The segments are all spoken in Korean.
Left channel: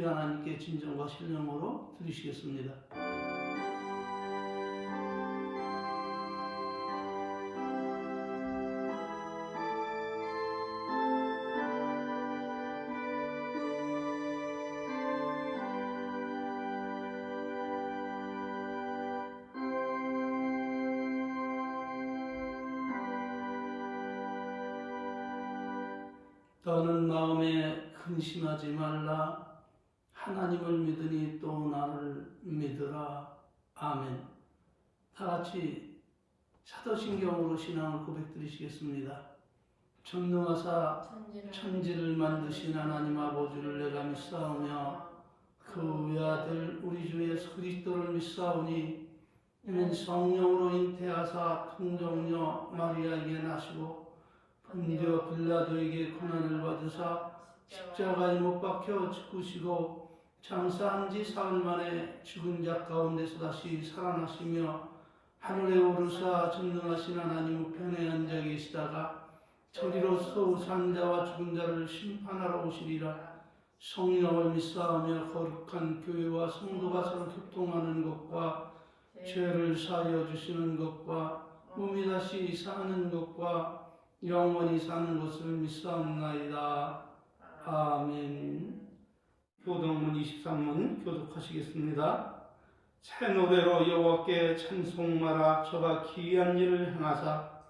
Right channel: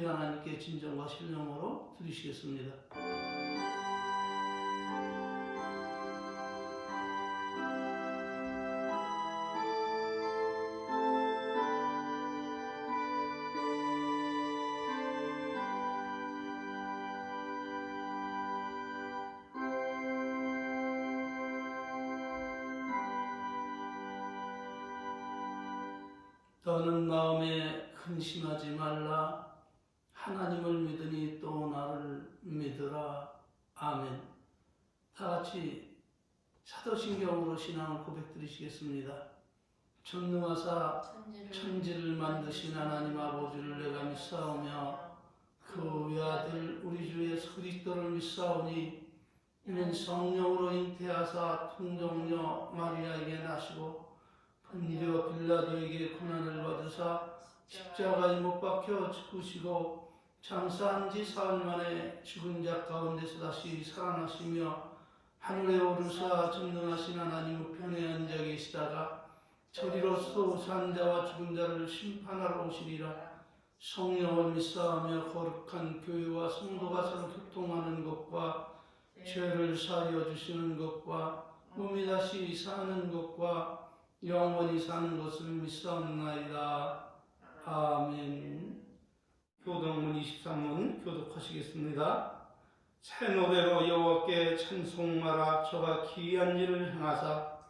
우리 하나님께 진정과 신령으로 드리시겠습니다. 너는 마음에 근심하지 말라. 하나님을 믿으니 또 나를 믿으라. 아멘. 다 같이 사도신경으로 신앙을 고백드리시겠습니다. 전능하사 천지를 만드신 하나님 아버지를 내가 믿사오며 그 외아들 우리 주 예수 그리스도를 믿사오니 이는 성령으로 잉태하사 통정녀 마리아에게 나시고 본디오 빌라도에게 고난을 받으사 십자가에 못 박혀 죽으시고 장사한 지 사흘 만에 죽은 자 가운데서 다시 살아나시며 하늘에 오르사 전능하신 하나님 우편에 앉아 계시다가 저리로서 산 자와 죽은 자를 심판하러 오시리라. 성령을 믿사하며 거룩한 교회와 성도가 서로 교통하는 것과 죄를 사하여 주시는 것과 몸이 다시 사는 것과 영원히 사는 것을 믿사옵나이다. 아멘. 교독문 23문 교독하시겠습니다. 새 노래로 여호와께 찬송하라. 저가 기이한 일을 행하사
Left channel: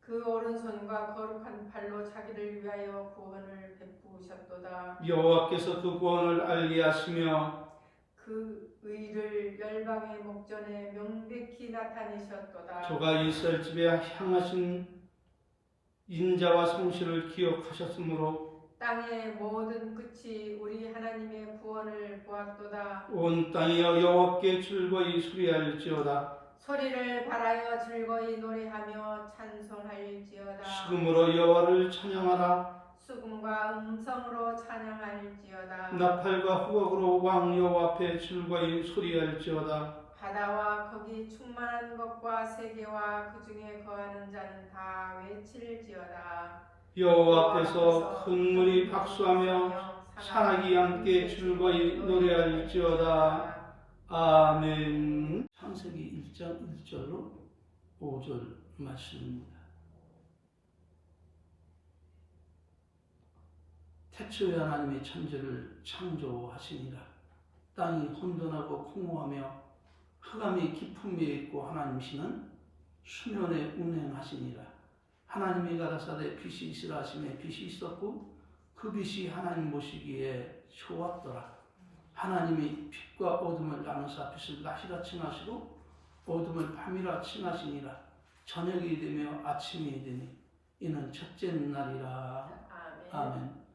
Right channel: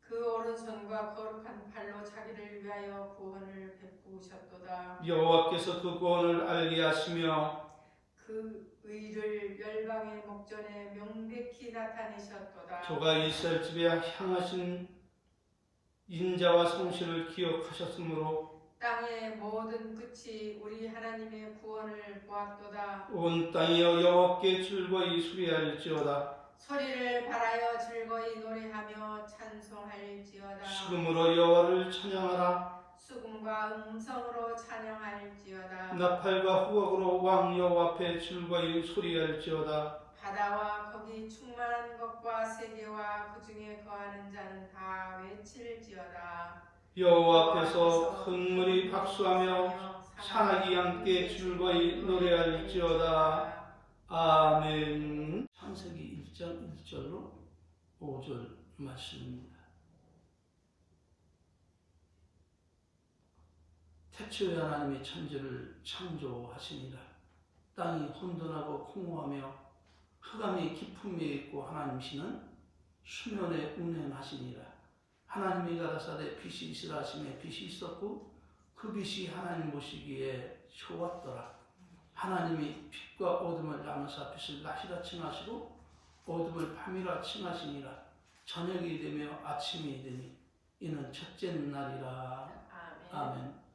그 오른손과 거룩한 팔로 자기를 위하여 구원을 베푸셨도다. 여호와께서 그 구원을 알게 하시며 그 의를 열방의 목전에 명백히 나타내셨도다. 저가 이스라엘 집에 향하신 인자와 성실을 기억하셨으므로 땅의 모든 끝이 우리 하나님의 구원을 보았도다. 온 땅이여 여호와께 즐거이 수리할지어다. 소리를 발하여 즐거이 노래하며 찬송할지어다. 수금으로 여호와를 찬양하라. 수금과 음성으로 찬양할지어다. 나팔과 후각으로 왕 여호와 앞에 즐거이 소리할지어다. 바다와 거기 충만한 것과 세계와 그 중에 거하는 자는 다 외칠지어다. 여호와 앞에서 큰 물이 박수하며 산악이 함께 즐거이 노래할지어다. 아멘. 창세기 1장 1절로 5절 말씀입니다. 태초에 하나님이 천지를 창조하시니라. 땅이 혼돈하고 공허하며 흑암이 깊은 위에 있고 하나님이시는 수면에 운행하시니라. 하나님이 가라사대 빛이 있으라 하시매 빛이 있었고 그 빛이 하나님 보시기에 좋았더라. 하나님이 빛과 어둠을 나누사 빛을 낮이라 칭하시고 어둠을 밤이라 칭하시니라. 저녁이 되며 아침이 되니 이는 첫째 날이라. 아멘.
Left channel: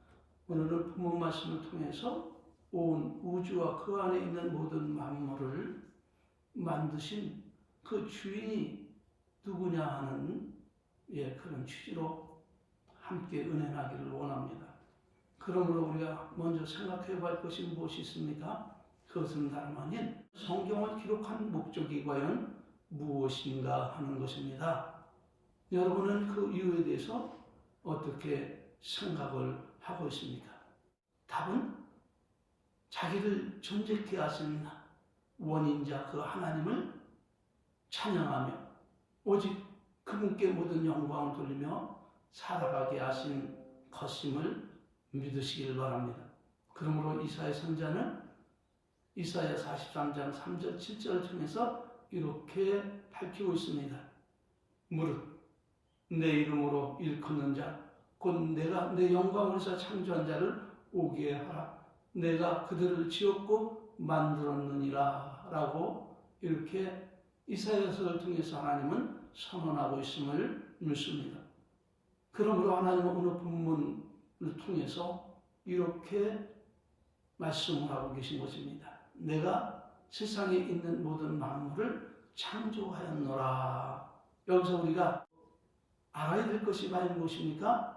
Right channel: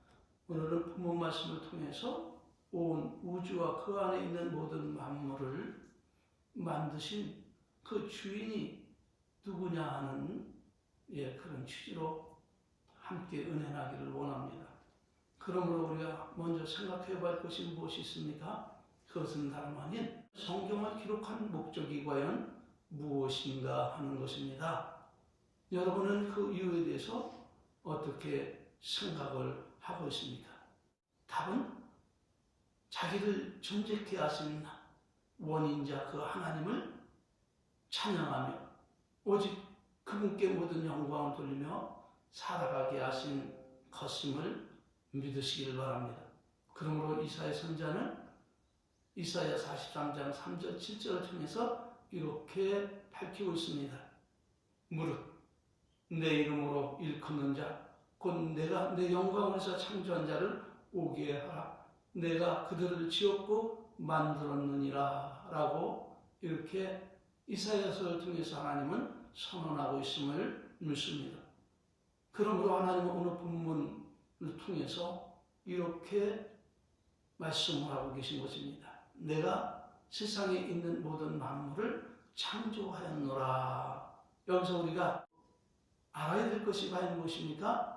오늘은 본문 말씀을 통해서 온 우주와 그 안에 있는 모든 만물을 만드신 그 주인이 누구냐 하는 그런 취지로 함께 은혜하기를 원합니다. 그러므로 우리가 먼저 생각해 볼 것이 무엇이 있습니까? 그것은 다름 아닌 성경을 기록한 목적이 과연 무엇인가 하는 것입니다. 여러분은 그 이유에 대해서 어떻게 생각을 하고 있습니까? 답은 자기를 존재케 하신 원인자 그 하나님을 찬양하며 오직 그분께 모든 영광을 돌리며 살아가게 하신 것임을 믿으시길 바랍니다. 그러므로 이사야 선자는 이사야 43장 3절 7절을 통해서 이렇게 밝히고 있습니다. 무릇 내 이름으로 일컫는 자 곧 내가 내 영광을 위해서 창조한 자를 오게 하라. 내가 그들을 지었고 만들었느니라 라고 이렇게 이사야서를 통해서 하나님은 선언하고 있음을 믿습니다. 그러므로 하나님은 오늘 본문을 통해서 이렇게 말씀을 하고 계신 것입니다. 내가 세상에 있는 모든 만물을 창조하였노라. 여기서 우리가 알아야 될 것이 과연 무엇입니까?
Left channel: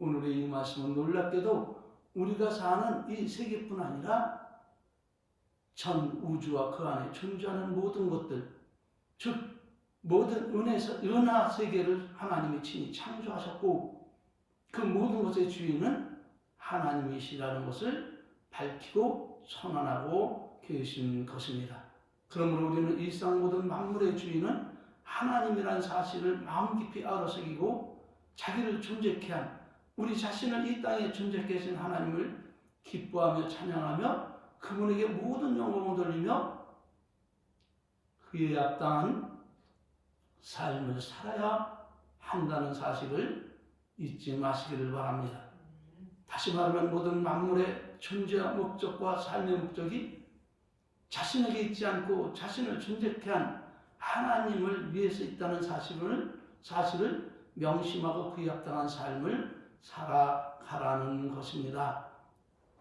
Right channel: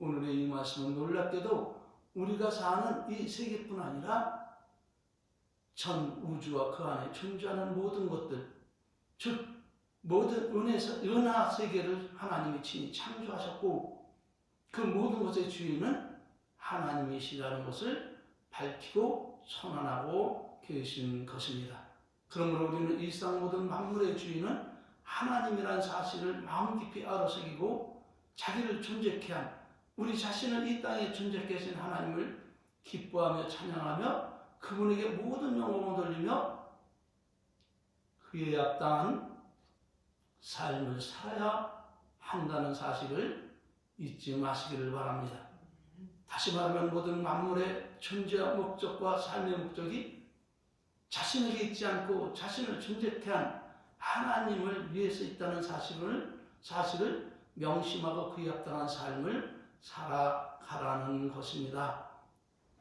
오늘의 이 말씀은 놀랍게도 우리가 사는 이 세계뿐 아니라 전 우주와 그 안에 존재하는 모든 것들, 즉 모든 은하 세계를 하나님이 친히 창조하셨고 그 모든 것의 주인은 하나님이시라는 것을 밝히고 선언하고 계신 것입니다. 그러므로 우리는 일상 모든 만물의 주인은 하나님이라는 사실을 마음 깊이 알아새기고 자기를 존재케 한, 우리 자신을 이 땅에 존재케 하신 하나님을 기뻐하며 찬양하며 그분에게 모든 영광을 돌리며 그에 합당한 삶을 살아야 한다는 사실을 잊지 마시기를 바랍니다. 다시 말하면 모든 만물의 존재와 목적과 삶의 목적이 자신에게 있지 않고 자신을 존재케 한 하나님을 위해서 있다는 사실을 명심하고 그에 합당한 삶을 살아가라는 것입니다.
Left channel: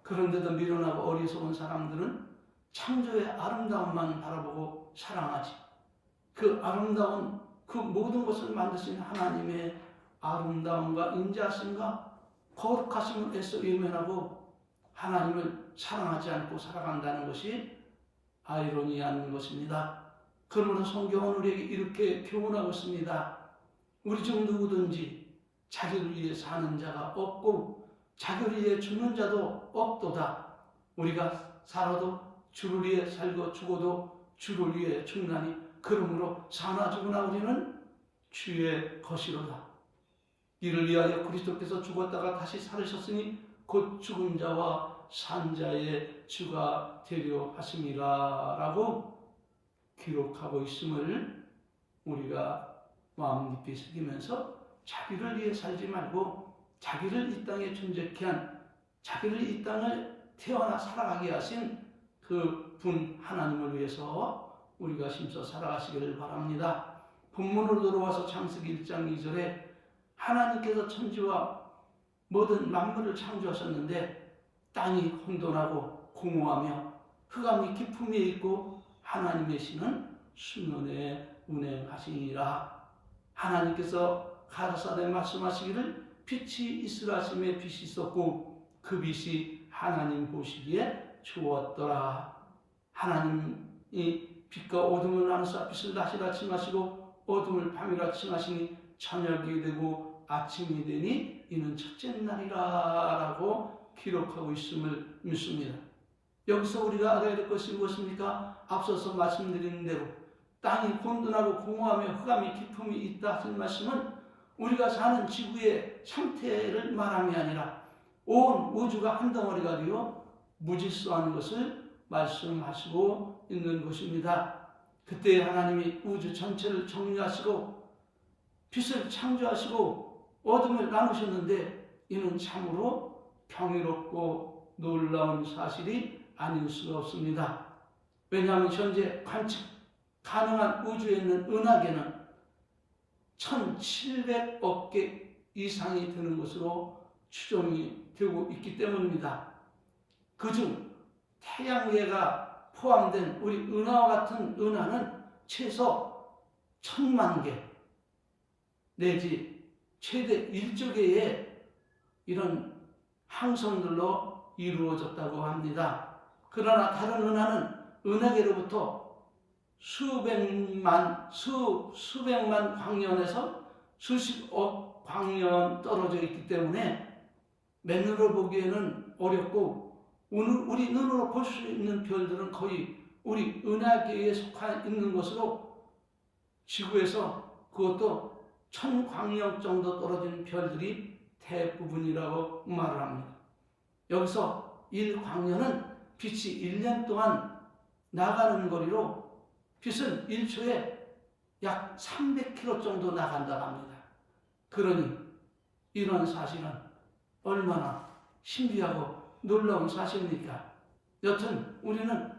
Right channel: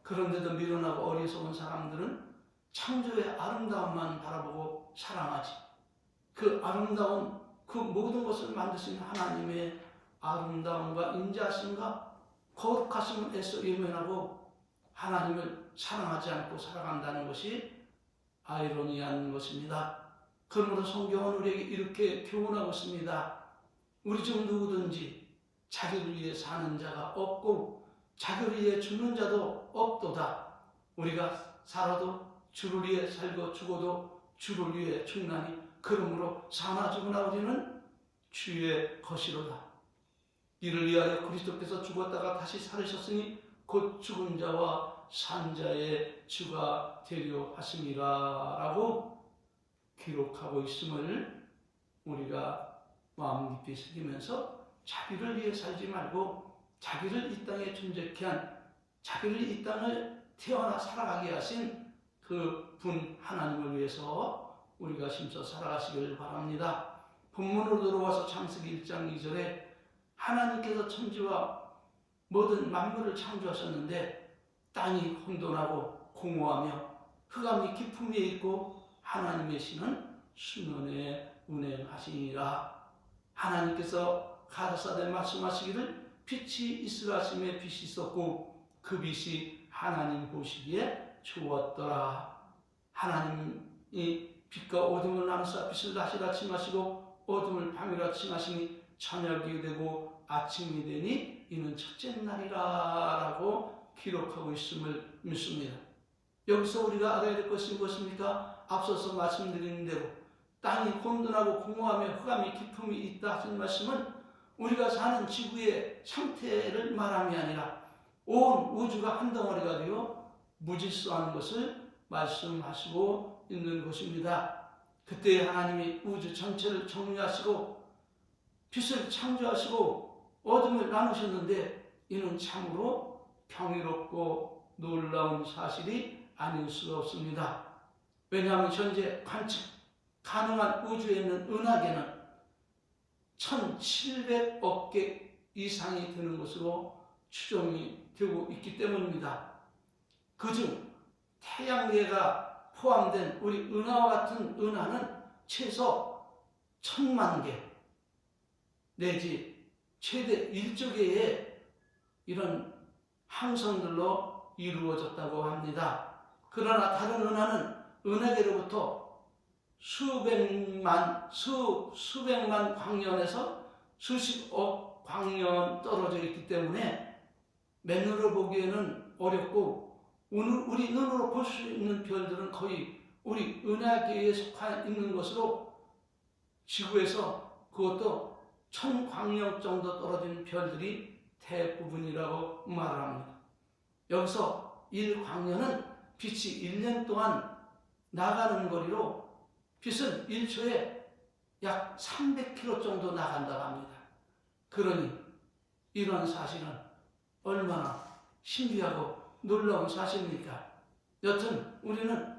그런데도 미련하고 어리석은 사람들은 창조의 아름다움만 바라보고 사랑하지, 그 아름다운 그 모든 것을 만드신 하나님의 아름다움과 인자하심과 거룩하심을 애써 외면하고 하나님을 사랑하지 않고 살아간다는 것이 아이러니한 것입니다. 그러므로 성경은 우리에게 이렇게 교훈하고 있습니다. 우리 중 누구든지 자기를 위해 사는 자가 없고 자기를 위해 죽는 자도 없도다. 우리가 살아도 주를 위해 살고 죽어도 주를 위해 죽나니 그러므로 사나 죽으나 우리는 주의 것이로다. 이를 위하여 그리스도께서 죽었다가 다시 살으셨으니 곧 죽은 자와 산 자의 주가 되려 하심이라 라고 기록하고 있음을 우리가 마음 깊이 새기면서 자기를 위해 살지 말고 자기를 이 땅에 존재케 한, 자기를 이 땅을 태어나 살아가게 하신 그 분 하나님을 위해서 우리가 힘써 살아가시기를 바랍니다. 본문으로 돌아와서 창세기 1장 2절에 하나님께서 천지와 모든 만물을 창조하셨는데 땅이 혼돈하고 공허하며 흑암이 깊음에 있고 하나님의 신은 수면에 운행하시니라. 하나님께서 가라사대 말씀하시기를 빛이 있으라 하심에 빛이 있었고 그 빛이 하나님 보시기에 좋았더라. 하나님이 빛과 어둠을 나누사 빛을 낮이라 칭하시고 어둠을 밤이라 칭하시니 저녁이 되고 아침이 되니 이는 첫째 날이라 라고 기록하고 있음을 믿습니다. 여기서 우리가 알아야 될 것이 무엇입니까? 앞서서 말씀드린 대로 땅이 혼돈하고 공허하며 흑암이 깊음이 있다 하신 말씀은 우리가 사는 지구의 상태를 말함이 아니라 온 우주가 한 덩어리가 되어 무질서한 것을 말씀하시고 있는 것입니다. 그때 하나님이 우주 전체를 정리하시고 빛을 창조하시고 어둠을 나누셨는데 이는 참으로 평화롭고 놀라운 사실이 아닐 수가 없습니다. 왜냐하면 현재 관측 가능한 우주에 있는 은하계는 1700억 개 이상이 되는 것으로 추정이 되고 있기 때문입니다. 그중 태양계가 포함된 우리 은하와 같은 은하는 최소 1000만 개 내지 최대 1조 개의 이런 항성들로 이루어졌다고 합니다. 그러나 다른 은하는 은하계로부터 수백만 광년에서 수십억 광년 떨어져 있기 때문에 맨눈으로 보기에는 어렵고 우리 눈으로 볼 수 있는 별들은 거의 우리 은하계에 속해 있는 것으로 지구에서 그것도 1000광년 정도 떨어진 별들이 대부분이라고 말을 합니다. 여기서 1광년은 빛이 1년 동안 나가는 거리로 빛은 1초에 약 300km 정도 나간다고 합니다. 그러니 이런 사실은 얼마나 신비하고 놀라운 사실입니까? 여튼 우리는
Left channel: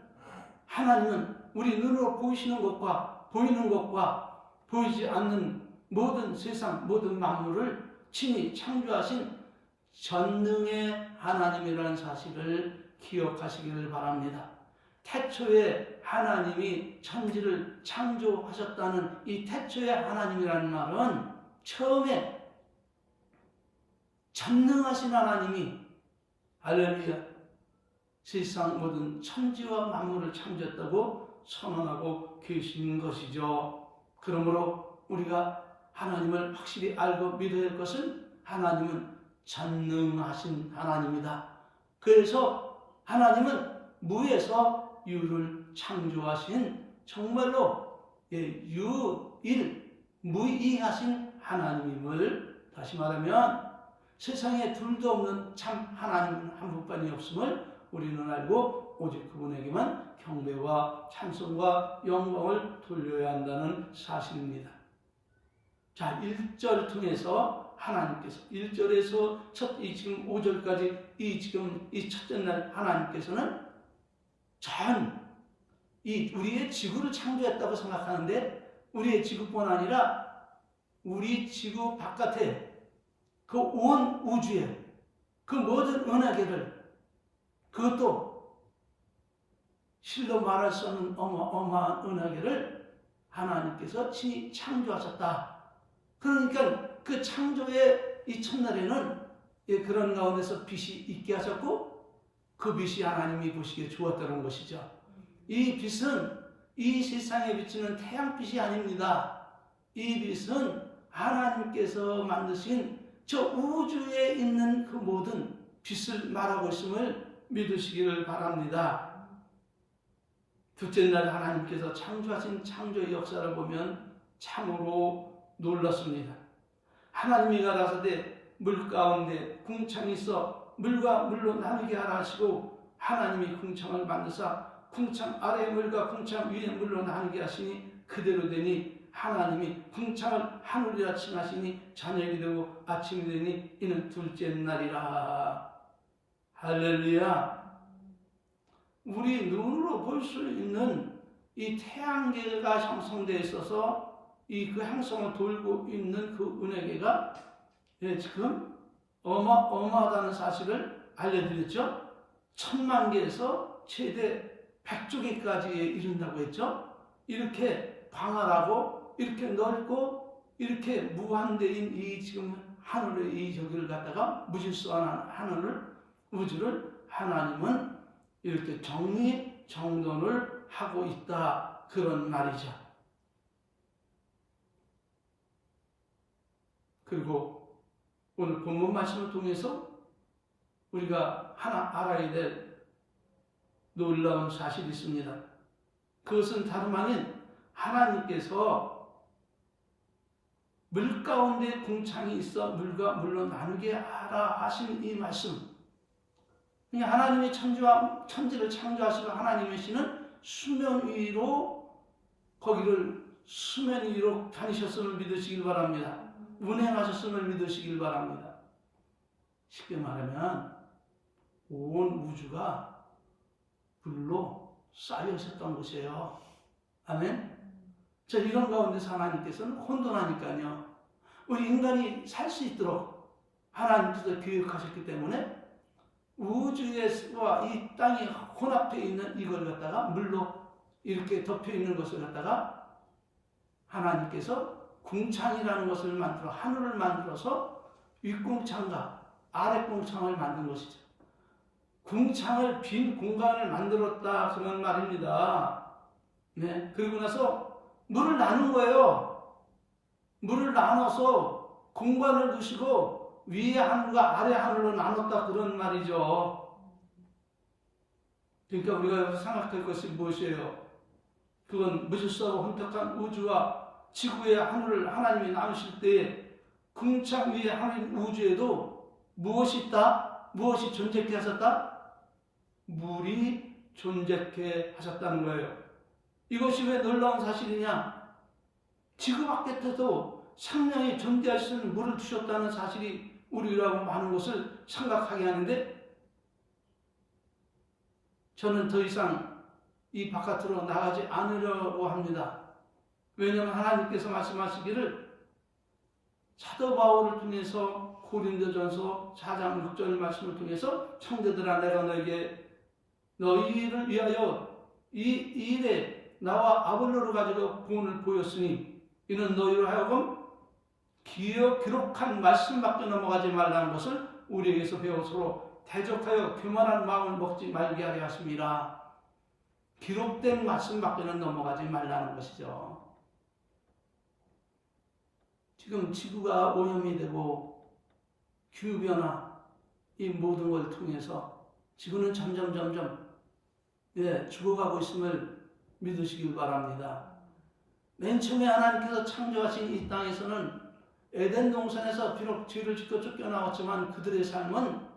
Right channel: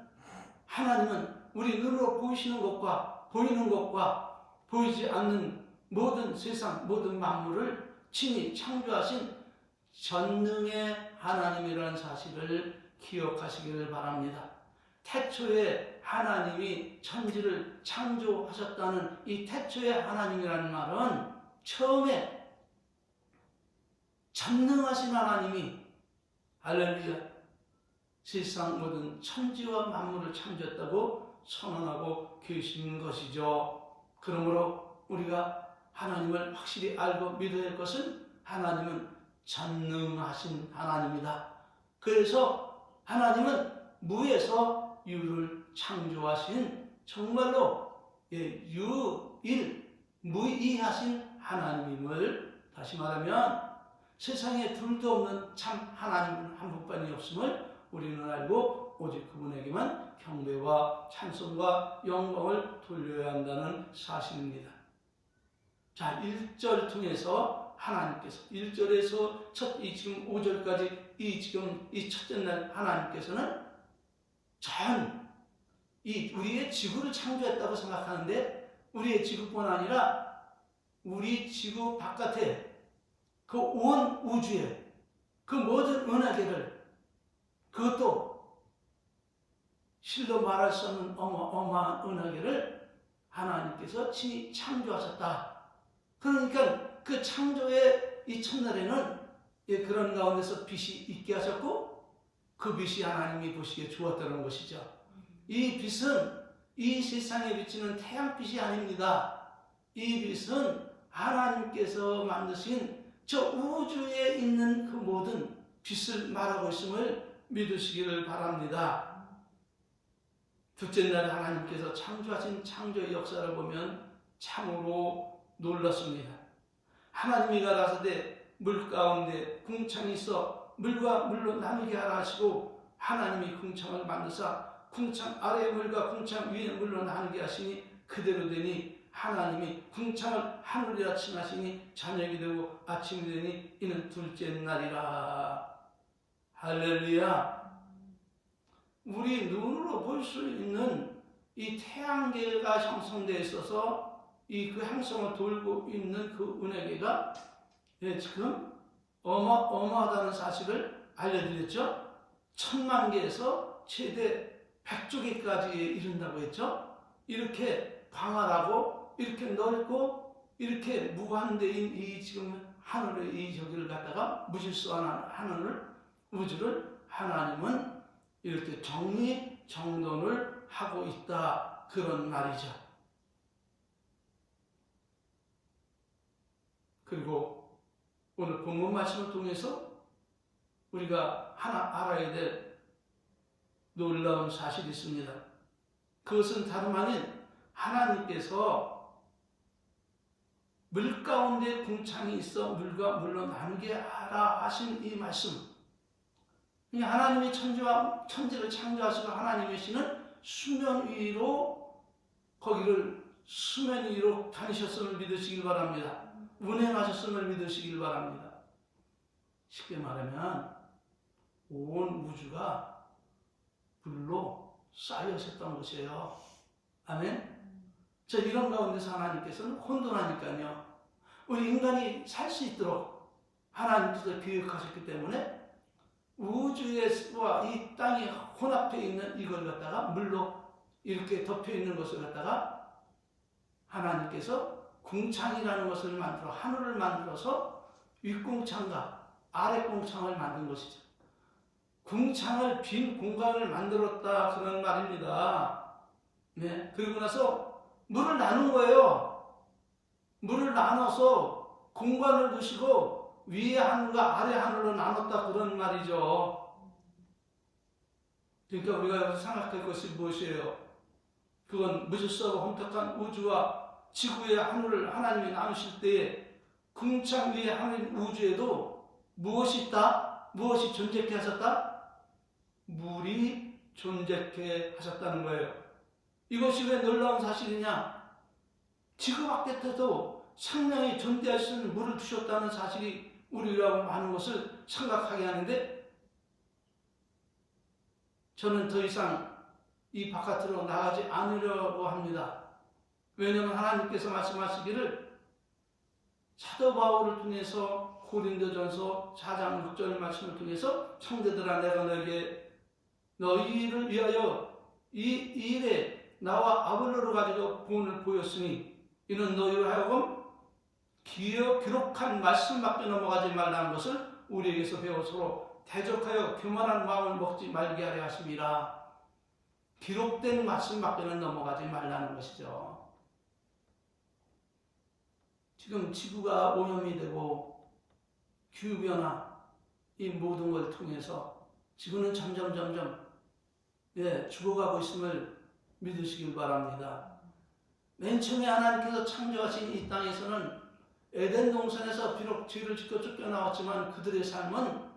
하나님은 우리 눈으로 보이시는 것과 보이는 것과 보이지 않는 모든 세상 모든 만물을 친히 창조하신 전능의 하나님이라는 사실을 기억하시기를 바랍니다. 태초에 하나님이 천지를 창조하셨다는 이 태초의 하나님이라는 말은 처음에 전능하신 하나님이 할렐루야 세상 모든 천지와 만물을 창조했다고 선언하고 계신 것이죠. 그러므로 우리가 하나님을 확실히 알고 믿어야 할 것은 하나님은 전능하신 하나님이다. 그래서 하나님은 무에서 유를 창조하신 정말로 무이하신 하나님임을, 다시 말하면 세상에 둘도 없는 참 하나님 한 분뿐이 없음을 우리는 알고 오직 그분에게만 경배와 찬송과 영광을 돌려야 한다는 사실입니다. 자, 1절 통해서 하나님께서 1절에서 지금 5절까지 이 첫째 날 하나님께서는 우리의 지구를 창조했다고 생각하는데, 우리의 지구뿐 아니라 우리 지구 바깥에 그 온 우주에 그 모든 은하계를, 그것도 실로 말할 수 없는 어마어마한 은하계를 하나님께서 친히 창조하셨다. 그러니까 그 창조의 이 첫날에는 그런 가운데서 빛이 있게 하셨고, 그 빛이 하나님이 보시기에 좋았다는 것이죠. 이 빛은 이 세상에 비치는 태양빛이 아닙니다. 이 빛은 하나님께서 만드신 저 우주에 있는 그 모든 빛을 말하고 있음을 믿으시기를 바랍니다. 둘째 날 하나님께서 창조하신 창조의 역사를 보면 참으로 놀랐습니다. 하나님이 가라사대 물 가운데 궁창이 있어 물과 물로 나누게 하라 하시고, 하나님이 궁창을 만드사 궁창 아래의 물과 궁창 위의 물로 나누게 하시니 그대로 되니, 하나님이 궁창을 하늘이라 칭하시니 저녁이 되고 아침이 되니 이는 둘째 날이라. 할렐루야. 우리 눈으로 볼 수 있는 이 태양계가 형성되어 있어서 그 행성을 돌고 있는 그 은하계가 지금 어마어마하다는 사실을 알려드렸죠. 1000만 개에서 최대 100조 개까지 이른다고 했죠. 이렇게 광활하고 이렇게 넓고 이렇게 무한대인 이 지금 하늘의 이 저기를 갖다가 무질서한 우주를 하나님은 이렇게 정리정돈을 하고 있다, 그런 말이죠. 그리고 오늘 본문 말씀을 통해서 우리가 하나 알아야 될 놀라운 사실이 있습니다. 그것은 다름 아닌 하나님께서 물 가운데 궁창이 있어 물과 물로 나누게 하라 하신 이 말씀, 하나님의 천지를 창조하시고 하나님이시는 수면 위로 거기를 수면 위로 다니셨음을 믿으시길 바랍니다. 운행하셨음을 믿으시길 바랍니다. 쉽게 말하면 온 우주가 불로 쌓여 있었던 것이에요. 아멘. 자, 이런 가운데서 하나님께서는 혼돈하니까요, 우리 인간이 살 수 있도록 하나님께서 계획하셨기 때문에 우주와 이 땅이 혼합해 있는 이걸 갖다가 물로 이렇게 덮여 있는 것을 갖다가 하나님께서 궁창이라는 것을 만들어 하늘을 만들어서 윗궁창과 아랫궁창을 만든 것이죠. 궁창을 빈 공간을 만들었다, 그런 말입니다. 네, 그리고 나서 물을 나눈 거예요. 물을 나눠서 공간을 두시고 위에 하늘과 아래 하늘로 나눴다, 그런 말이죠. 그러니까 우리가 여기서 생각할 것이 무엇이에요? 그건 무질서하고 혼탁한 우주와 지구의 하늘을 하나님이 나누실 때에 궁창 위에 하늘 우주에도 무엇이 있다? 무엇이 존재케 하셨다? 물이 존재케 하셨다는 거예요. 이것이 왜 놀라운 사실이냐? 지구 바깥에도 생명이 존재할 수 있는 물을 주셨다는 사실이 우리라고 하는 것을 생각하게 하는데, 저는 더 이상 이 바깥으로 나가지 않으려고 합니다. 왜냐하면 하나님께서 말씀하시기를 사도 바울을 통해서 고린도전서 4장 6절 말씀을 통해서 형제들아, 내가 너희를 위하여 이 일에 나와 아볼로를 가지고 본을 보였으니 이는 너희로 하여금 기록한 말씀밖에 넘어가지 말라는 것을 우리에게서 배워 서로 대적하여 교만한 마음을 먹지 말게 하려 하심이라. 기록된 말씀밖에는 넘어가지 말라는 것이죠. 지금 지구가 오염이 되고 기후변화, 이 모든 걸 통해서 지구는 점점 죽어가고 있음을 믿으시길 바랍니다. 맨 처음에 하나님께서 창조하신 이 땅에서는 에덴 동산에서 비록 죄를 짓고 쫓겨나왔지만 그들의 삶은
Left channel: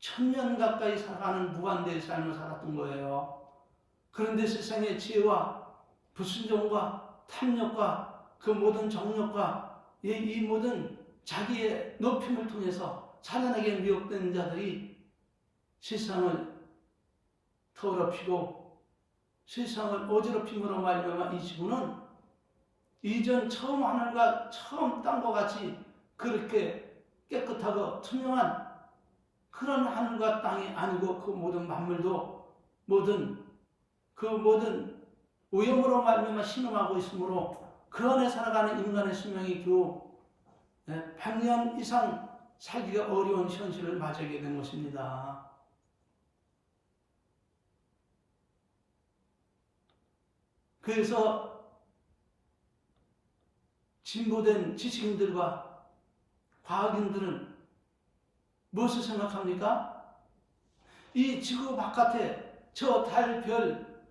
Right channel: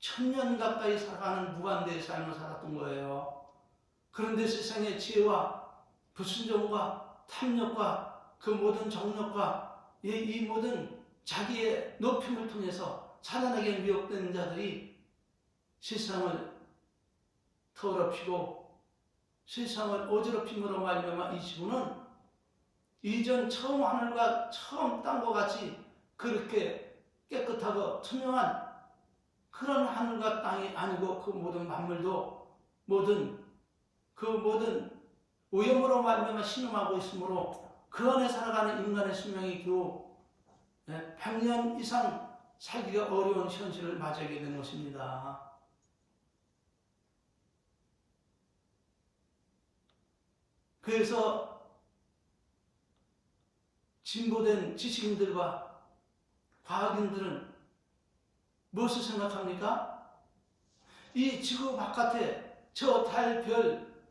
1000년 가까이 살아가는 무한대의 삶을 살았던 거예요. 그런데 세상의 죄와 불순종과 탐욕과 그 모든 정욕과 이 모든 자기의 높임을 통해서 사단에게 미혹된 자들이 세상을 더럽히고 세상을 어지럽힘으로 말미암아 이 지구는 이전 처음 하늘과 처음 땅과 같이 그렇게 깨끗하고 투명한 그런 하늘과 땅이 아니고 그 모든 만물도 그 모든 오염으로 말미암아 신음하고 있으므로 그 안에 살아가는 인간의 수명이 겨우 100년 이상 살기가 어려운 현실을 맞이하게 된 것입니다. 그래서 진보된 지식인들과 과학인들은 무엇을 생각합니까? 이 지구 바깥에 저 달, 별,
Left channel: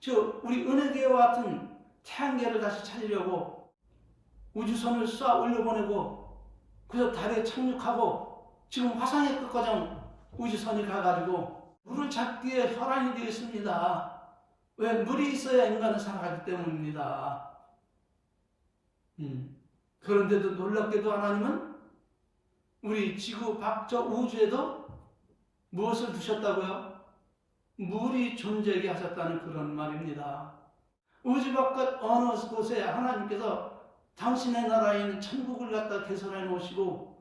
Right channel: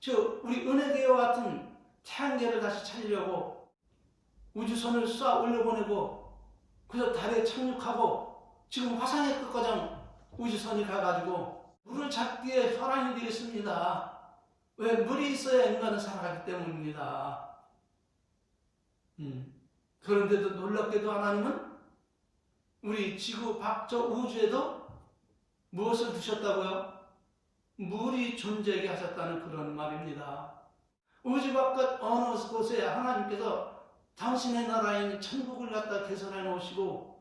저 우리 은하계와 같은 태양계를 다시 찾으려고 우주선을 쏴 올려보내고 그래서 달에 착륙하고 지금 화성에 끝까지 우주선이 가가지고 물을 찾기에 혈안이 되어 있습니다. 왜? 물이 있어야 인간은 살아가기 때문입니다. 그런데도 놀랍게도 하나님은 우리 지구 밖 저 우주에도 무엇을 두셨다고요? 물이 존재하게 하셨다는 그런 말입니다. 우주 바깥 어느 곳에 하나님께서 당신의 나라에 있는 천국을 갖다 개설해 놓으시고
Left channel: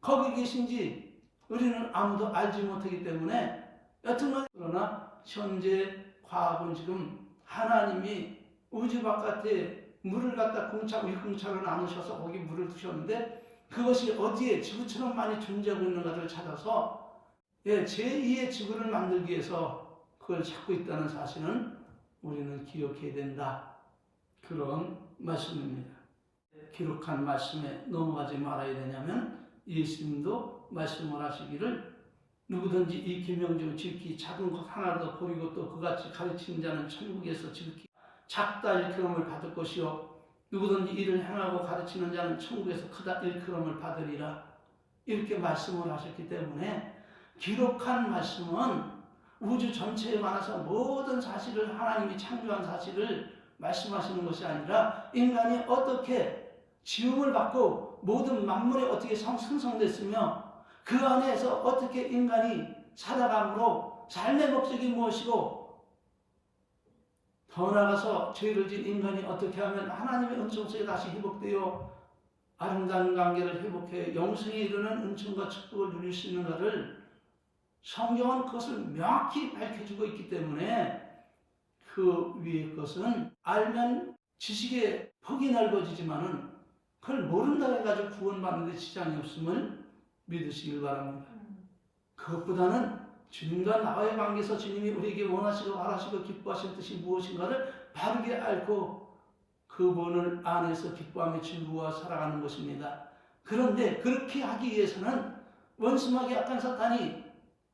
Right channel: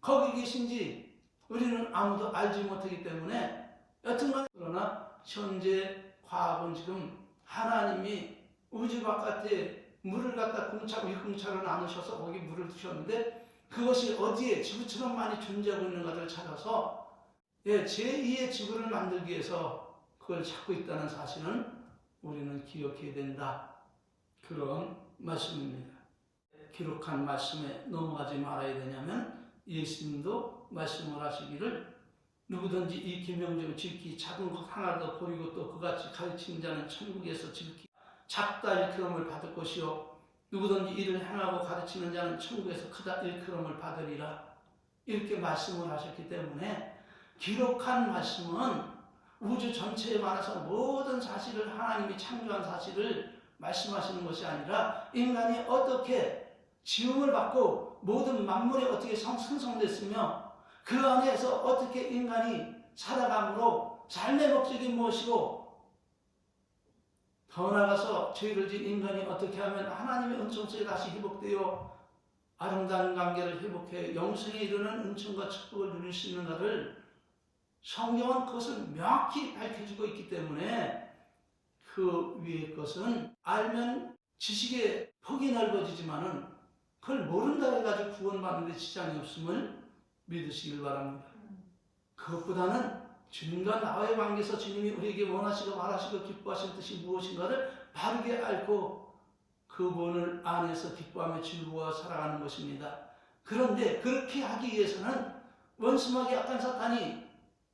거기 계신지 우리는 아무도 알지 못하기 때문에 여튼간 그러나 현재 과학은 지금 하나님이 우주 바깥에 물을 갖다 일공차로 나누셔서 거기 물을 두셨는데 그것이 어디에 지구처럼 많이 존재하고 있는가를 찾아서 제2의 지구를 만들기 위해서 그걸 찾고 있다는 사실은 우리는 기억해야 된다. 그런 말씀입니다. 기록한 말씀에 넘어가지 말아야 되냐면 예수님도 말씀을 하시기를 누구든지 이 계명대로 지키 작은 것 하나도 버리고 또 그같이 가르치는 자는 천국에서 지키 작다 일컬음을 받을 것이요 누구든지 이를 행하고 가르치는 자는 천국에서 크다 일컬음을 받으리라. 이렇게 말씀을 하셨기 때문에 기록한 말씀은 우주 전체에 관해서 모든 사실을 하나님이 창조한 사실을 말씀하시는 것이 아니라 인간이 어떻게 지음을 받고 모든 만물이 어떻게 생성됐으며 그 안에서 어떻게 인간이 살아감으로 삶의 목적이 무엇이고 더 나아가서 죄를 지은 인간이 어떻게 하면 하나님의 은총 속에 다시 회복되어 아름다운 관계를 회복해 영생에 이르는 은총과 축복을 누릴 수 있는가를 성경은 그것을 명확히 밝혀주고 있기 때문에 그 위의 것은 알면 지식의 폭이 넓어지지만은 그걸 모른다 해가지고 구원받는 데 지장이 없음을 믿으시길 바랍니다. 그것보다는 주님과 나와의 관계에서 주님이 우리에게 원하시고 바라시고 기뻐하실 뜻이 무엇인가를 바르게 알고 그분을 안에서 기뻐하며 즐거워 살아가는 것입니다. 그런데 그렇게 하기 위해서는 원수마귀 악한 사탄이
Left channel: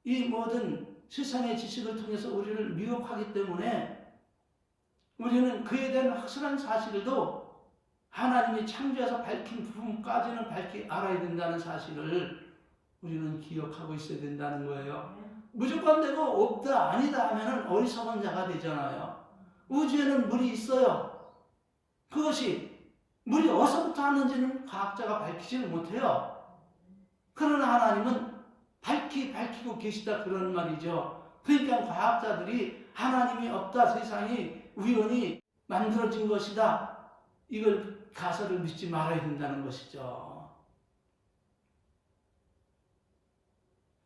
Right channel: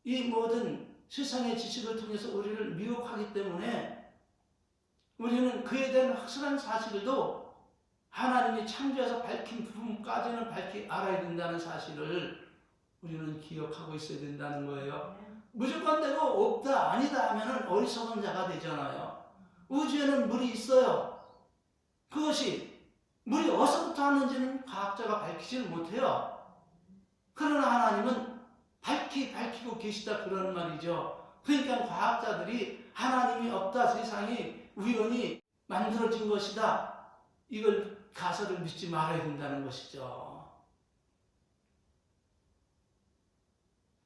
이 모든 세상의 지식을 통해서 우리를 미혹하기 때문에 우리는 그에 대한 확실한 사실도 하나님이 창조해서 밝힌 부분까지는 밝히 알아야 된다는 사실을 우리는 기억하고 있어야 된다는 거예요. 무조건 되고 없다 아니다 하면은 어리석은 자가 되잖아요. 우주에는 물이 있어요. 그것이 물이 어디서부터 왔는지는 과학자가 밝히지를 못해요. 그러나 하나님은 밝히고 계시다 그런 말이죠. 그러니까 과학자들이 하나님이 없다 세상이 우연히 만들어진 것이다 이걸 가설을 믿지 말아야 된다는 것이죠.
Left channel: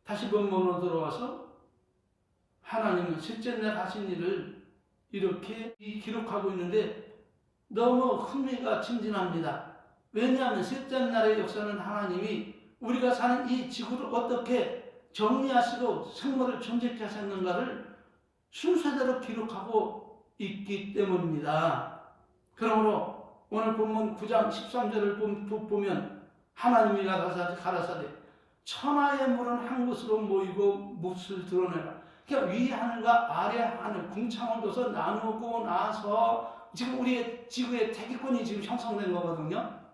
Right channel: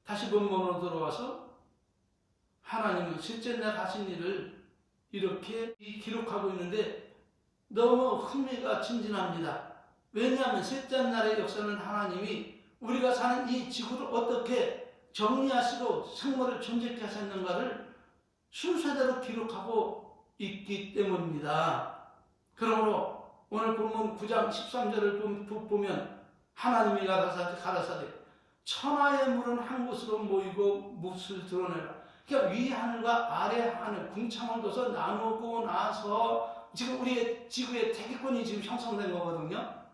다시 본문으로 돌아와서 하나님은 셋째 날 하신 일을 이렇게 기록하고 있는데 너무 흥미가 진진합니다. 왜냐하면 셋째 날의 역사는 하나님이 우리가 사는 이 지구를 어떻게 정리하시고 생물을 존재케 하셨는가를 순서대로 기록하고 있기 때문입니다. 그러므로 오늘 본문 9장 13절을 보면 하나님이 가라사대 천하의 물은 한 곳으로 모이고 몫을 드러내라. 그러니까 위 하늘과 아래 하늘, 궁창을 둬서 나누고 나서 지금 우리의 지구의 대기권이 지금 형성된 거거든요.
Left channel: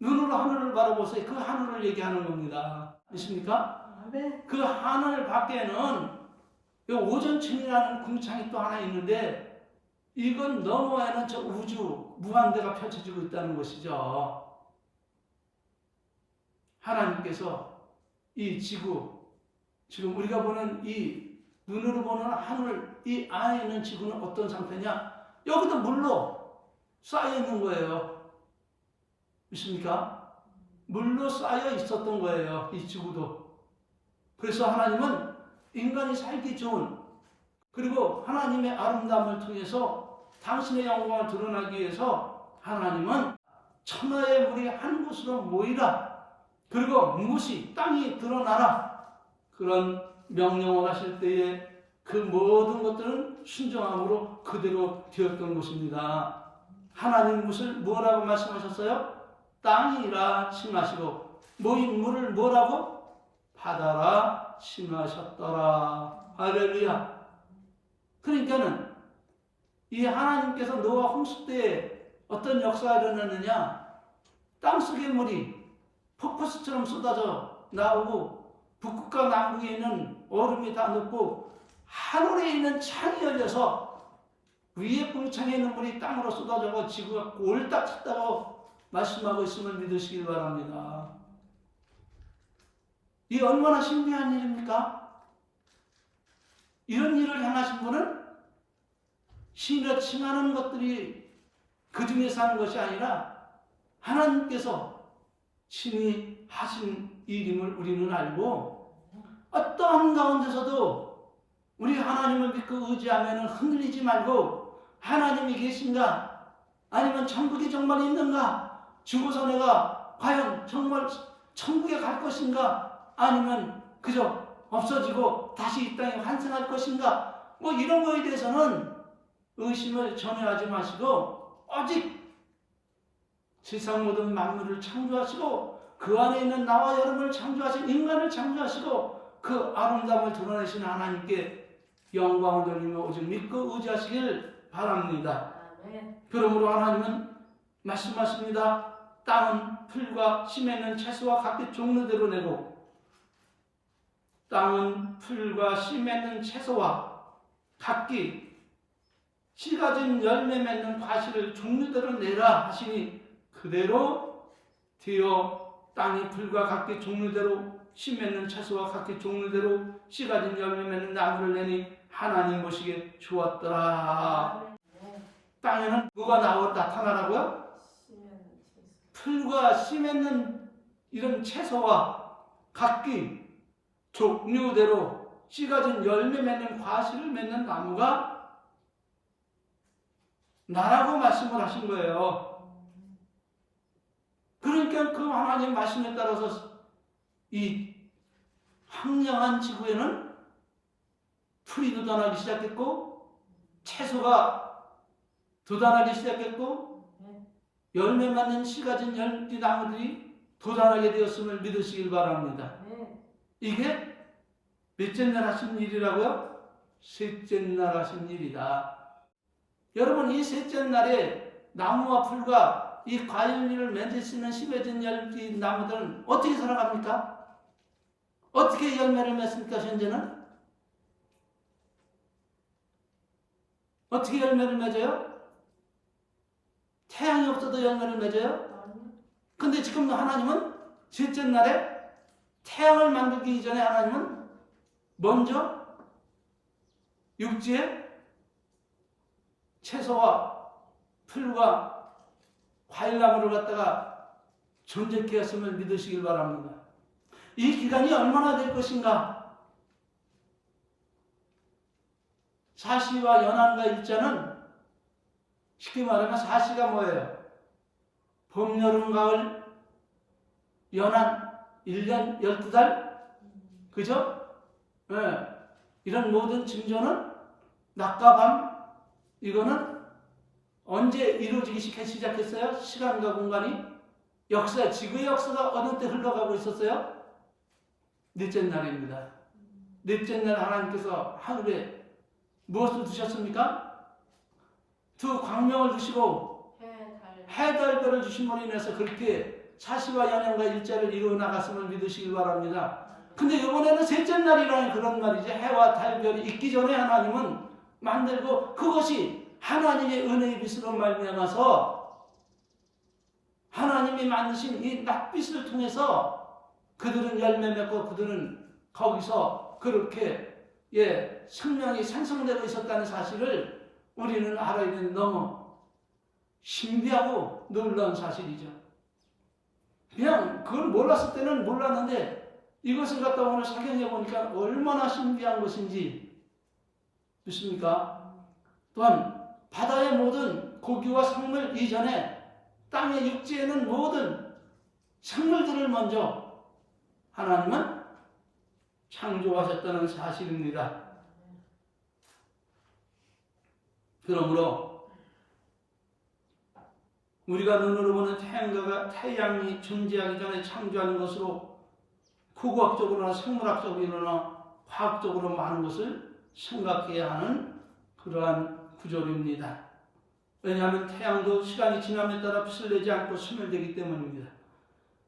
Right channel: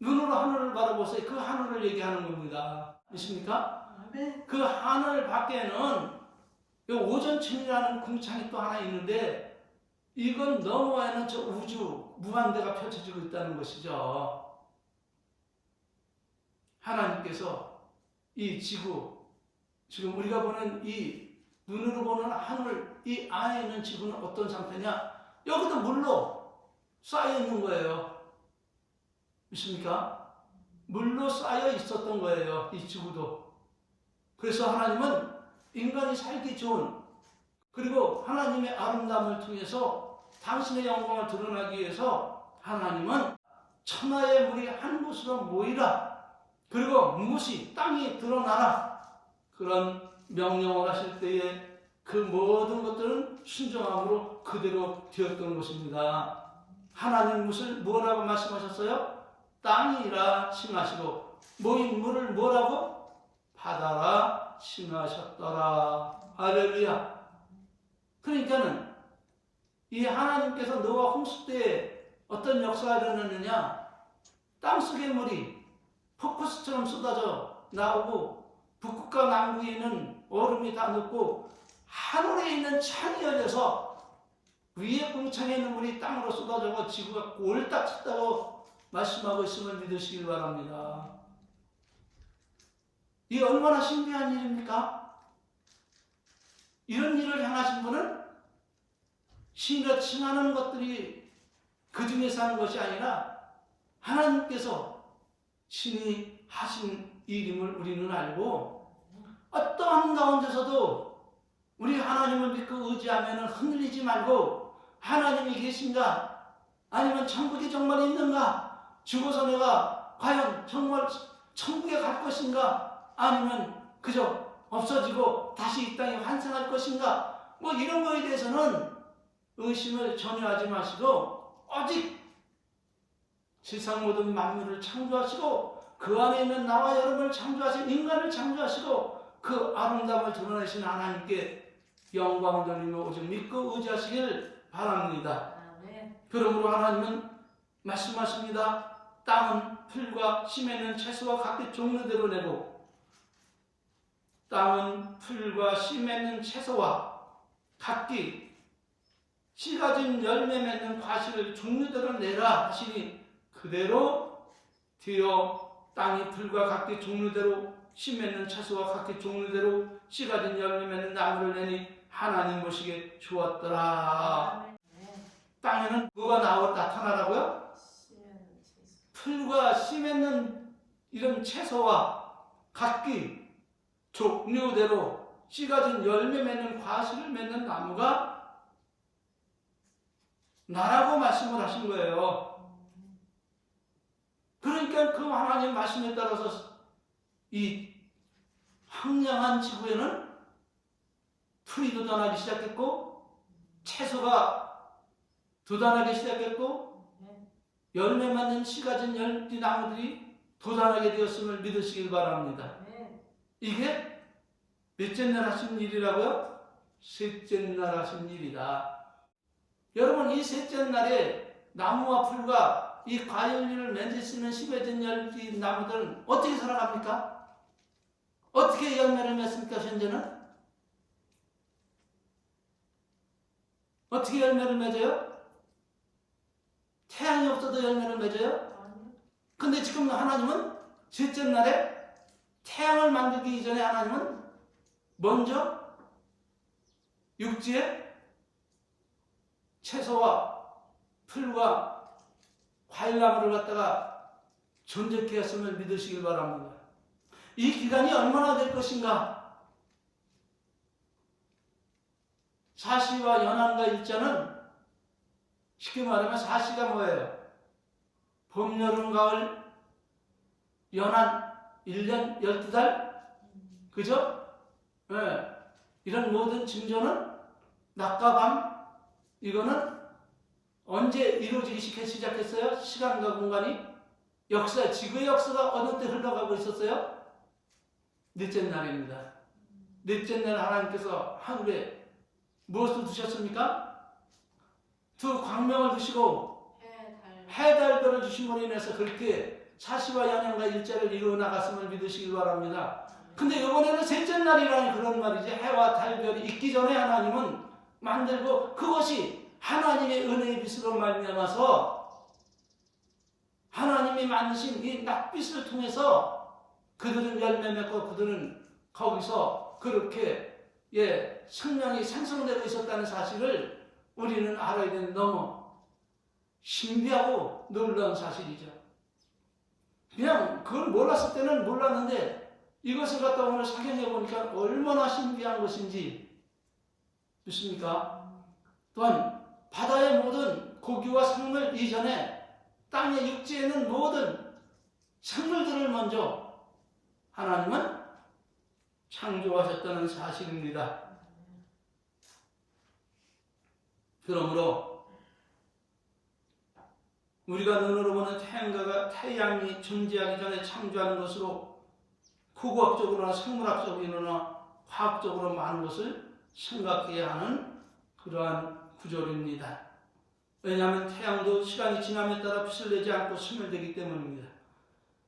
눈으로 하늘을 바라보세요. 그 하늘을 얘기하는 겁니다. 있습니까? 그 하늘 밖에는 오존층이라는 궁창이 또 하나 있는데 이건 너머에는 저 우주, 무한대가 펼쳐지고 있다는 것이죠. 하나님께서 이 지구, 지금 우리가 보는 이 눈으로 보는 하늘, 이 안에 있는 지구는 어떤 상태냐? 여기도 물로 쌓여 있는 거예요. 믿습니까? 물로 쌓여 있었던 거예요. 이 지구도. 그래서 하나님은 인간이 살기 좋은, 그리고 하나님의 아름다움을 통해서 당신의 영광을 드러나기 위해서 하나님은 천하의 물이 한 곳으로 모이라, 그리고 무시 땅이 드러나라, 그런 명령을 하실 때에 그 모든 것들은 순종함으로 그대로 되었던 것입니다. 하나님 무엇을 뭐라고 말씀하셨어요? 땅이라 칭하시고 모인 물을 뭐라고? 바다라 칭하셨더라. 할렐루야. 그러니까는 이 하나님께서 노아 홍수 때에 어떤 역사가 일어났느냐? 땅속의 물이 폭포수처럼 쏟아져 나오고 북극과 남극에 있는 얼음이 다 녹고 하늘에 있는 창이 열려서 위에 궁창에 있는 물이 땅으로 쏟아져서 지구가 꼴딱 찼다고 말씀하고 있음을 믿으시길 바랍니다. 이 얼마나 신비한 일입니까? 이런 일을 행하신 분은 신이라 칭하는 것들이 그 중에서 하는 것이 아니라 하나님께서 신이 하신 일임을 우리는 알고 어떠한 가운데서도 우리 하나님을 믿고 의지하면 흔들리지 말고 하나님이 계신가? 아니면 천국이 정말 있는가? 죽어서 내가 과연 정말 천국에 갈 것인가? 아니면 그저 없어지고 다시 이 땅에 환생할 것인가? 뭐 이런 거에 대해서는 의심을 전혀 하지 마시고 오직 세상 모든 만물을 창조하시고 그 안에 있는 나와 여러분을 창조하신 인간을 창조하시고 그 아름다움을 드러내신 하나님께 영광을 돌리며 오직 믿고 의지하시길 바랍니다. 그러므로 하나님은 말씀하십니다. 땅은 풀과 씨 맺는 채소와 각기 종류대로 내고 땅은 풀과 씨 맺는 채소와 각기 씨 가진 열매 맺는 과실을 종류대로 내라 하시니 그대로 되어 땅이 풀과 각기 종류대로 씨 맺는 채소와 각기 종류대로 씨 가진 열매 맺는 나무를 내니 하나님 보시기에 좋았더라. 땅에는 뭐가 나타나라고요? 풀과 씨 맺는 이런 채소와 각기 종류대로 씨 가진 열매 맺는 과실을 맺는 나무가 나라고 말씀을 하신 거예요. 그러니까 그 하나님 말씀에 따라서 이 황량한 지구에는 풀이 돋아나기 시작했고 채소가 돋아나기 시작했고 열매 맺는 씨 가진 열띠 나무들이 돋아나게 되었음을 믿으시길 바랍니다. 이게 몇째 날 하신 일이라고요? 셋째 날 하신 일이다. 여러분 이 셋째 날에 나무와 풀과 이 과일을 맺을 수 있는 씨 맺은 열띠 나무들은 어떻게 살아갑니까? 어떻게 열매를 맺습니까? 현재는? 어떻게 열매를 맺어요? 태양이 없어도 열매를 맺어요? 근데 지금 하나님은 셋째 날에 태양을 만들기 이전에 하나님은 먼저 육지에 채소와 풀과 과일나무를 갖다가 존재케 했음을 믿으시길 바랍니다. 이 기간이 얼마나 될 것인가? 사시와 연한과 일자는 쉽게 말하면 사시가 뭐예요? 봄, 여름, 가을, 연한 1년 12달? 그죠? 네. 이런 모든 징조는 낮과 밤, 이거는 언제 이루어지기 시작했어요? 시간과 공간이? 역사, 지구의 역사가 어느 때 흘러가고 있었어요? 넷째 날입니다. 넷째 날 하나님께서 하늘에 무엇을 두셨습니까? 두 광명을 두시고 해달별을 주심으로 인해서 그렇게 사시와 연양과 일자를 이루어 나갔음을 믿으시길 바랍니다. 근데 이번에는 셋째 날이라는 그런 말이지. 해와 달별이 있기 전에 하나님은 만들고 그것이 하나님의 은혜의 빛으로 말미암아서 하나님이 만드신 이 낯빛을 통해서 그들은 열매 맺고 그들은 거기서 그렇게 생명이 생성되고 있었다는 사실을 우리는 알아야 되는 너무 신비하고 놀라운 사실이죠. 그냥 그걸 몰랐을 때는 몰랐는데 이것을 갖다 오늘 설명해 보니까 얼마나 신비한 것인지 믿습니까? 또한 바다의 모든 고기와 생물 이전에 땅의 육지에는 모든 생물들을 먼저 하나님은 창조하셨다는 사실입니다. 그러므로 우리가 눈으로 보는 태양이 존재하기 전에 창조한 것으로 고고학적으로나 생물학적으로나 과학적으로 많은 것을 생각해야 하는 그러한 구조입니다. 왜냐하면 태양도 시간이 지남에 따라 빛을 내지 않고 소멸되기 때문입니다.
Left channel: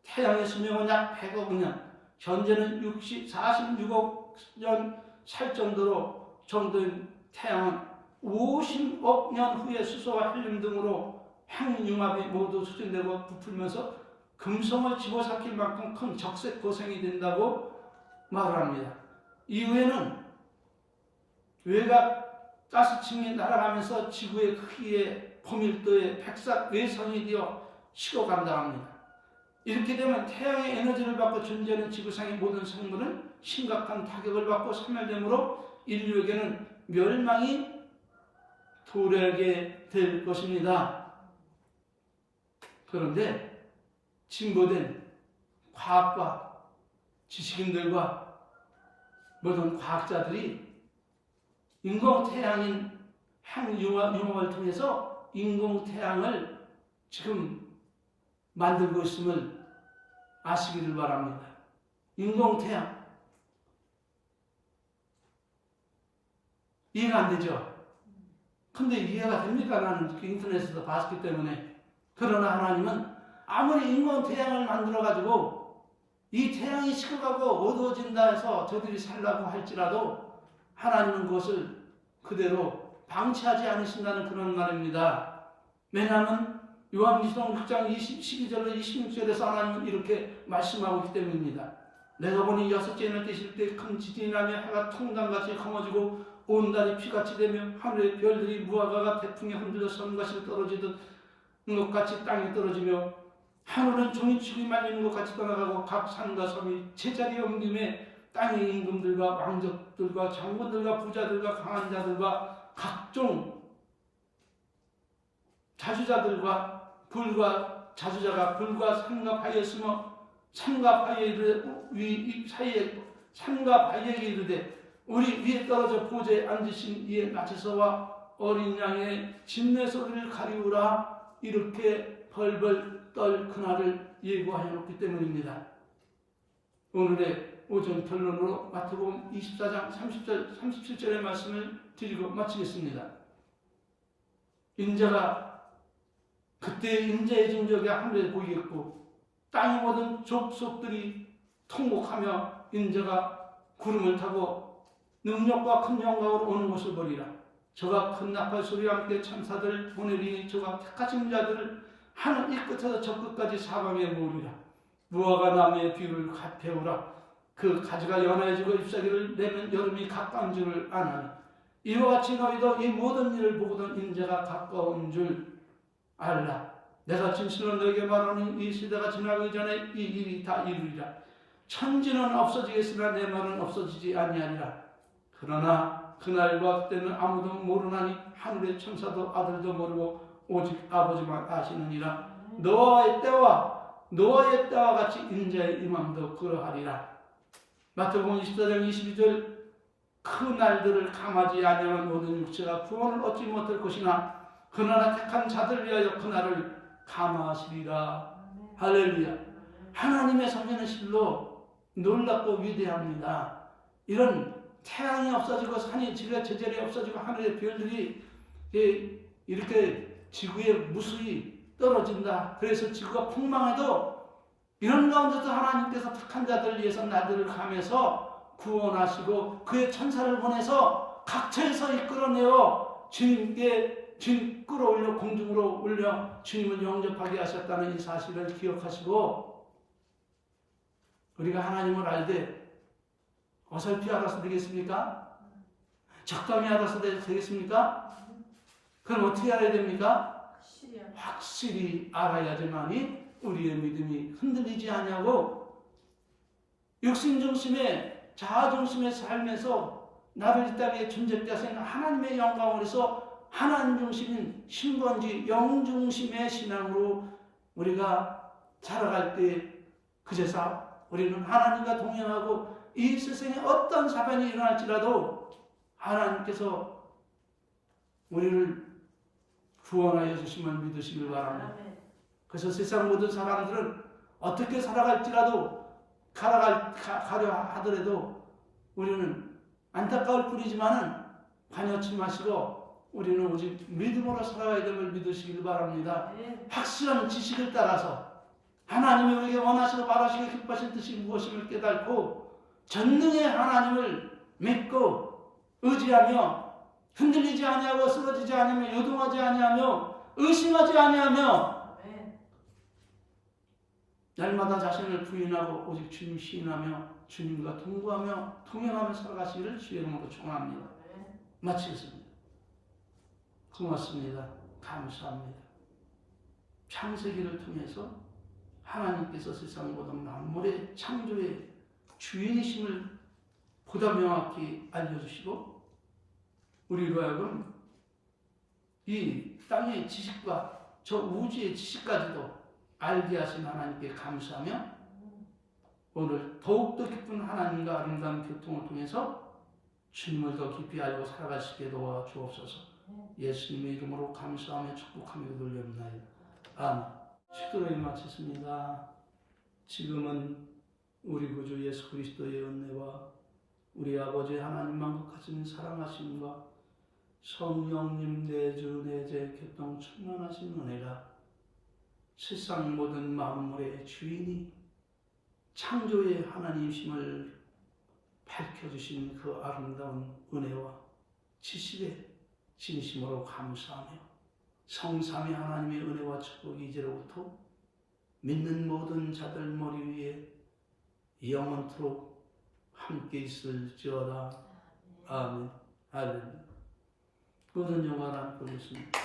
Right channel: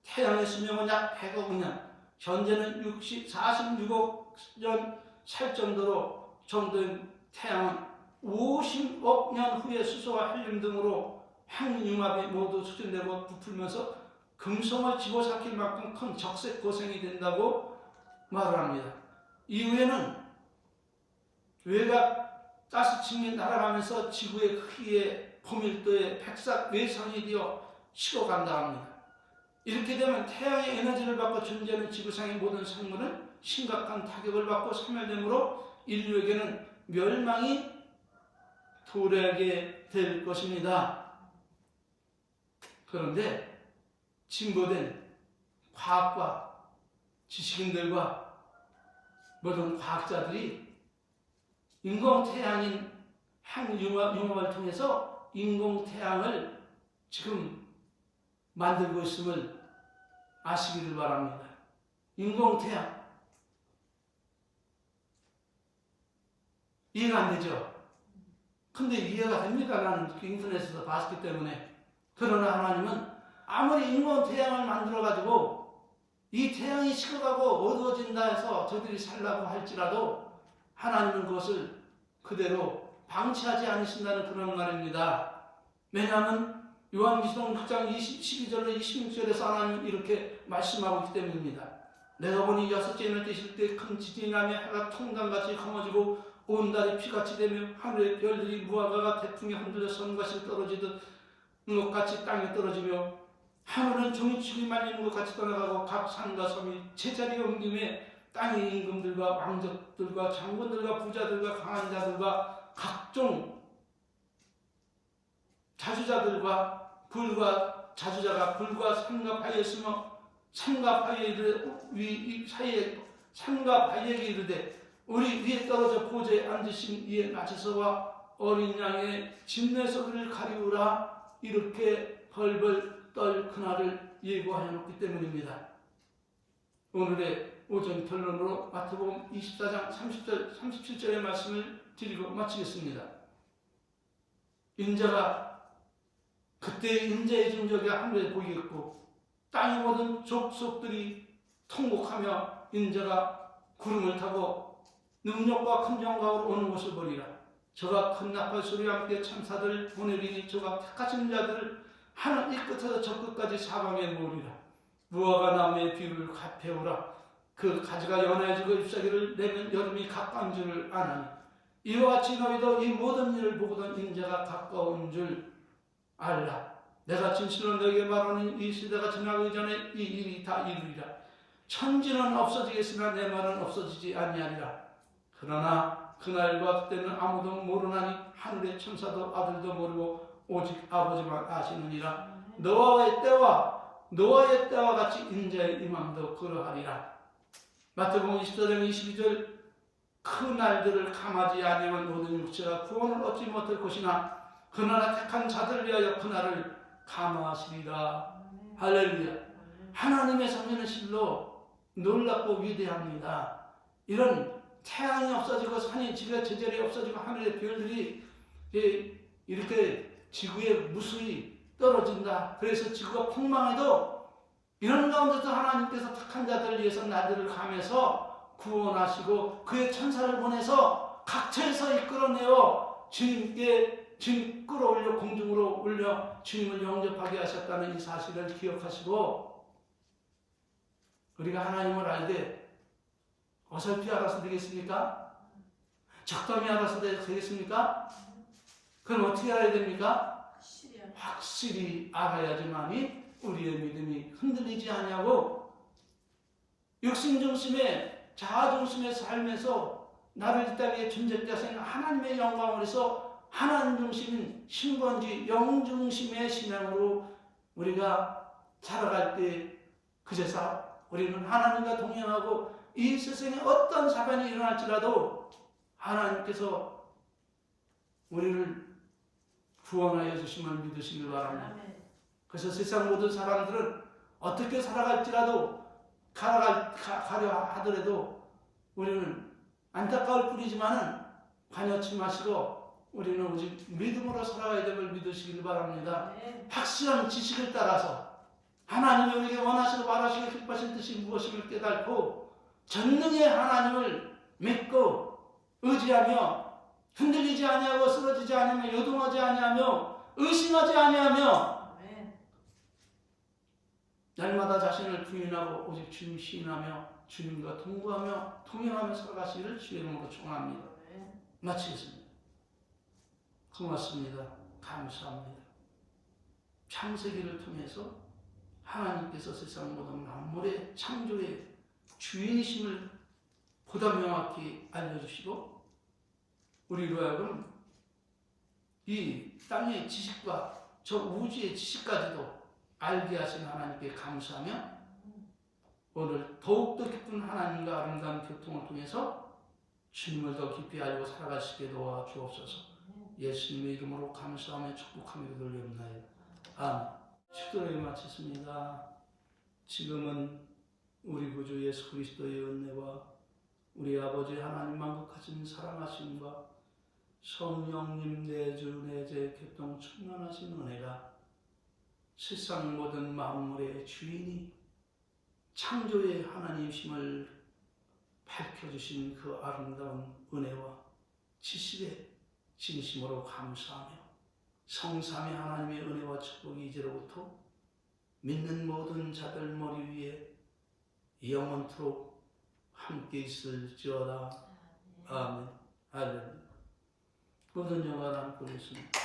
태양의 수명은 약 100억 년, 현재는 46억 년 살 정도인 태양은 50억 년 후에 수소와 헬륨 등으로 핵융합이 모두 수진되고 부풀면서 금성을 집어삼킬 만큼 큰 적색 고생이 된다고 말을 합니다. 이후에는 외곽 가스층이 날아가면서 지구의 크기에 고밀도의 백삭 외선이 되어 식어간다고 합니다. 이렇게 되면 태양의 에너지를 받고 존재하는 지구상의 모든 생물은 심각한 타격을 받고 소멸되므로 인류에게는 멸망이 도래하게 될 것입니다. 그런데 진보된 과학과 지식인들과 모든 과학자들이 인공태양인 핵융합을 통해서 인공태양을 지금 만들고 있음을 아시기를 바랍니다. 인공태양 이해가 안 되죠? 근데 이해가 됩니까? 나는 인터넷에서 봤기 때문에. 그러나 하나님은 아무리 인공태양을 만들어가지고 이 태양이 식어가고 어두워진다 해서 저들이 살라고 할지라도 하나님은 그것을 그대로 방치하지 않으신다는 그런 말입니다. 왜냐하면 요한계시록 6장 12절로 26절에서 하나님은 이렇게 말씀하고 있기 때문입니다. 내가 보니 여섯째 인을 떼실 때 큰 지진이 나며 해가 통단같이 검어지고 온 달이 피같이 되며 하늘의 별들이 무화과가 태풍에 흔들려 선과실 떨어지듯 것 같이 땅에 떨어지며 하늘은 종이축이 말리는 것 같이 떠나가고 각 산과 섬이 제자리에 옮김에 땅의 임금들과 왕족들과 장군들과 부자들과 강한 자들과 각종 자주자들과 불과 자주자가 불과 산과 바위에 숨어 산과 바위에 사이에 산과 바위에게 이르되 우리 위에 떨어져 보좌에 앉으신 이의 나체서와 어린 양의 진내 소리를 가리우라. 이렇게 벌벌 떨 그날을 예고하여 놓기 때문입니다. 오늘의 오전 결론으로 마태복음 24장 30절, 37절의 말씀을 드리고 마치겠습니다. 인자가 그때의 인자의 정적이 하늘에 보이겠고 땅의 모든 족속들이 통곡하며 인자가 구름을 타고 능력과 큰 영광으로 오는 것을 보리라. 저가 큰 나팔 소리와 함께 천사들 보내리니 저가 택하신 자들을 하늘 이 끝에서 저 끝까지 사방에 모으리라. 무화과 나무의 비를 배우라. 그 가지가 연해지고 잎사귀를 내면 여름이 가까운 줄을 아나니 이와 같이 너희도 이 모든 일을 보거든 인자가 가까운 줄 알라. 내가 진실로 너에게 말하는 이 시대가 지나기 전에 이 일이 다 이루리라. 천지는 없어지겠으나 내 말은 없어지지 아니하리라. 그러나 그날과 그때는 아무도 모르나니 하늘의 천사도 아들도 모르고 오직 아버지만 아시느니라. 노아의 때와 같이 인자의 임함도 그러하리라. 마태복음 24장 22절 그 날들을 감하지 아니하면 모든 육체가 구원을 얻지 못할 것이나 그러나 택한 자들 위하여 그날을 감하시리라. 할렐루야. 하나님의 섭리는 실로 놀랍고 위대합니다. 이런 태양이 없어지고 산이 지구의 제절이 없어지고 하늘의 별들이 이렇게 지구에 무수히 떨어진다. 그래서 지구가 폭망해도 이런 가운데서 하나님께서 택한 자들을 위해서 나들을 감해서 구원하시고 그의 천사를 보내서 각처에서 이끌어내어 주님 끌어올려 공중으로 올려 주님을 영접하게 하셨다는 이 사실을 기억하시고 우리가 하나님을 알되 어설피 알아서 되겠습니까? 적당히 알아서 되겠습니까? 그럼 어떻게 알아야 됩니까? 확실히 알아야지만이 우리의 믿음이 흔들리지 아니하고 육신 중심의 자아 중심의 삶에서 나를 이 땅에 존재케 하신 하나님의 영광을 위해서 하나님 중심인 신번지 영 중심의 신앙으로 우리가 살아갈 때 그제서 우리는 하나님과 동행하고 이 세상에 어떤 사변이 일어날지라도 하나님께서 우리를 구원하여 주심을 믿으시길 바랍니다. 그래서 세상 모든 사람들은 어떻게 살아갈지라도 가려 하더라도 우리는 안타까울 뿐이지만은 관여치 마시고 우리는 오직 믿음으로 살아가야 됨을 믿으시길 바랍니다. 확실한 지식을 따라서 하나님이 우리에게 원하시고 바라시고 기뻐하신 뜻이 무엇임을 깨닫고 전능의 하나님을 믿고 의지하며 흔들리지 아니하고 쓰러지지 아니하며 요동하지 아니하며 의심하지 아니하며 날마다 자신을 부인하고 오직 주님 시인하며 주님과 동거하며 동행하며 살아가시기를 주의 이름으로 축원합니다. 마치겠습니다. 고맙습니다. 감사합니다. 창세기를 통해서 하나님께서 세상 모든 만물의 창조의 주인이심을 보다 명확히 알려주시고 우리로 하여금 이 땅의 지식과 저 우주의 지식까지도 알게 하신 하나님께 감사하며 오늘 더욱더 기쁜 하나님과 아름다운 교통을 통해서 주님을 더 깊이 알고 살아가시게 도와주옵소서. 예수님의 이름으로 감사하며 축복하며 돌려옵나이다. 아멘. 시도를 마치십니다. 지금은 우리 구주 예수 그리스도의 은혜와 우리 아버지 하나님 만국하신 사랑하심과 성령님 내주 내재 교통 충만하신 은혜가 세상 모든 만물의 주인이 창조의 하나님이심을 밝혀주신 그 아름다운 은혜와 지식에 진심으로 감사하며 성삼위 하나님의 은혜와 축복이 이제로부터 믿는 모든 자들 머리 위에 영원토록 함께 있을지어다. 아멘. 할렐루야. 모든 영광을 안고 있습니다.